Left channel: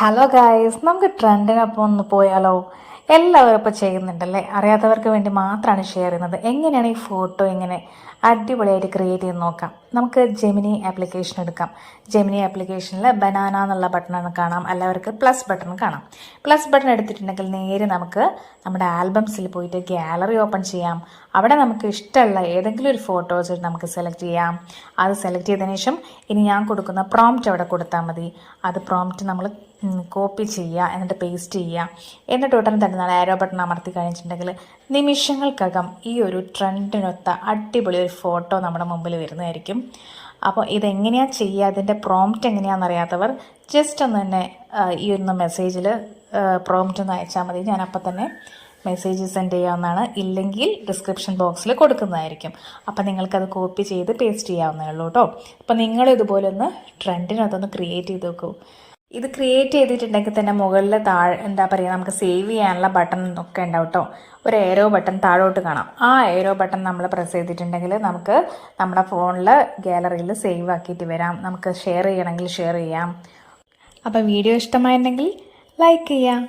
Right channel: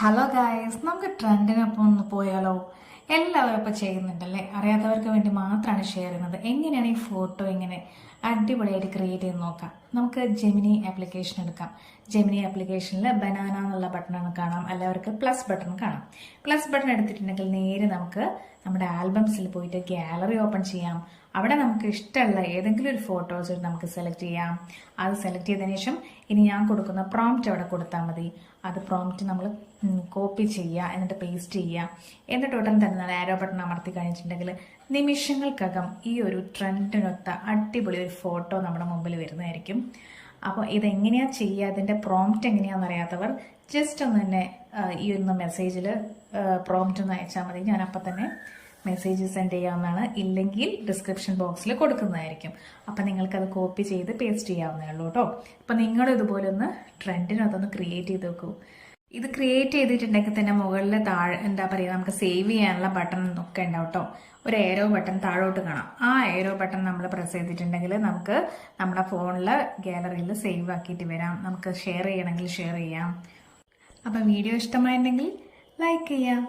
Hello guys, നമുക്ക് ട്രെൻഡിനൊപ്പം ഒന്ന് പോയാലോ? എല്ലാവരും ഇപ്പോൾ ചെയ്യുന്നുണ്ടല്ലേ. അറിയാത്തവർക്ക് വേണ്ടി മാത്രമാണ് ഷെയർ ചെയ്യുന്നത്. എങ്ങനെയാണ് ഈ ഫോട്ടോ ഇങ്ങനെ അടിപൊളിയായിട്ട് ക്രിയേറ്റ് ചെയ്ത് നോക്കാം. നമുക്ക് ജെമിനി ആപ്ലിക്കേഷൻ എടുക്കാം. ജെമിനി ആപ്ലിക്കേഷനിൽ ബനാന എന്നുള്ള ബട്ടൺ കാണാം, എല്ലാവർക്ക് പ്ലസ് ബട്ടൺ കാണാം. പ്ലസ് ബട്ടൺ എടുത്തിട്ടുണ്ടെങ്കിൽ നേരെ നമുക്ക് നമ്മുടെ ആൽബംസിൽ പോയിട്ട് ഗാലറി ഓപ്പൺ ചെയ്യാം. അവിടെ നമുക്ക് ഇഷ്ടമുള്ള ഏതെങ്കിലും ഒരു ഫോട്ടോസ് നമുക്ക് സെലക്ട് ചെയ്യാം. അത് സെലക്ട് ചെയ്തതിനു ശേഷം ഇനി ഞാൻ കൊടുക്കുന്ന പ്രോംപ്റ്റ് അവിടെ കൊടുത്താൽ മതി. അത് പ്രോംപ്റ്റ് നമ്മൾ കോപ്പി ചെയ്യുക, എന്നിട്ട് പേസ്റ്റ് ചെയ്യുക. എന്നിട്ട് ഉടൻ തന്നെ നമ്മൾ ആരോ ബട്ടൺ അമർത്തി കഴിഞ്ഞിട്ടുണ്ടെങ്കിൽ നിമിഷങ്ങൾക്കകം ഈ ഒരു ട്രെൻഡിനൊത്ത അടിപൊളി ഒരു ഫോട്ടോ നമ്മുടെ മുമ്പിൽ വരുന്നതായിരിക്കും. അപ്പോൾ ഇതെങ്ങനെയാണ് ചെയ്യുക, അതിൻ്റെ പ്രോംപ്റ്റ് എങ്ങനെയാണെന്ന് അറിയാത്തവർ ജസ്റ്റ് ഒന്ന് തന്നെ ഈ ഒന്ന് മെസ്സേജിൽ പ്രോംപ്റ്റ് ഒന്ന് അയച്ചാൽ മതി. ഞാനപ്പോൾ തന്നെ മെസ്സേജ് സെൻഡ് ചെയ്യാവുന്നതാണ്. ഇല്ലെങ്കിൽ ഡിസ്ക്രിപ്ഷൻ ബോക്സിൽ കൊടുക്കുന്നതായിരിക്കും. അപ്പം നിങ്ങൾക്കത് കോപ്പി ചെയ്ത് പേസ്റ്റ് ചെയ്യാവുന്നേ ഉള്ളൂ കേട്ടോ. അപ്പം നിങ്ങൾ ഇതുപോലെ ഒന്ന് ട്രെൻഡിനകത്തൊന്ന് ക്രിയേറ്റ് ചെയ്ത് നോക്കൂ. ഇത് ക്രിയേറ്റ് ചെയ്തിട്ടുണ്ടെങ്കിൽ തന്നെ മുകളിൽ എന്താ പറയുക, നമുക്ക് സേവ് ചെയ്യാനുള്ള ബട്ടൺ ഒക്കെ ഉണ്ടാവും കേട്ടോ. ഒരു ഏരോ ബട്ടൺ താഴോട്ട് കാണാം. ആ ഏരോ ബട്ടൺ നമ്മൾ പ്രസ് ചെയ്തിട്ടുണ്ടെങ്കിൽ നമുക്ക് നമ്മുടെ ഫോണിൽ ഗാലറിയിൽ സേവ് ആക്കിയിട്ട് വരാം. നമുക്ക് ഷെയർ ചെയ്യണമെങ്കിൽ ഷെയർ ചെയ്യാം. അപ്പോൾ വീഡിയോ ഇഷ്ടമായിട്ടുണ്ടെങ്കിൽ ലൈക്ക് ചെയ്യാം.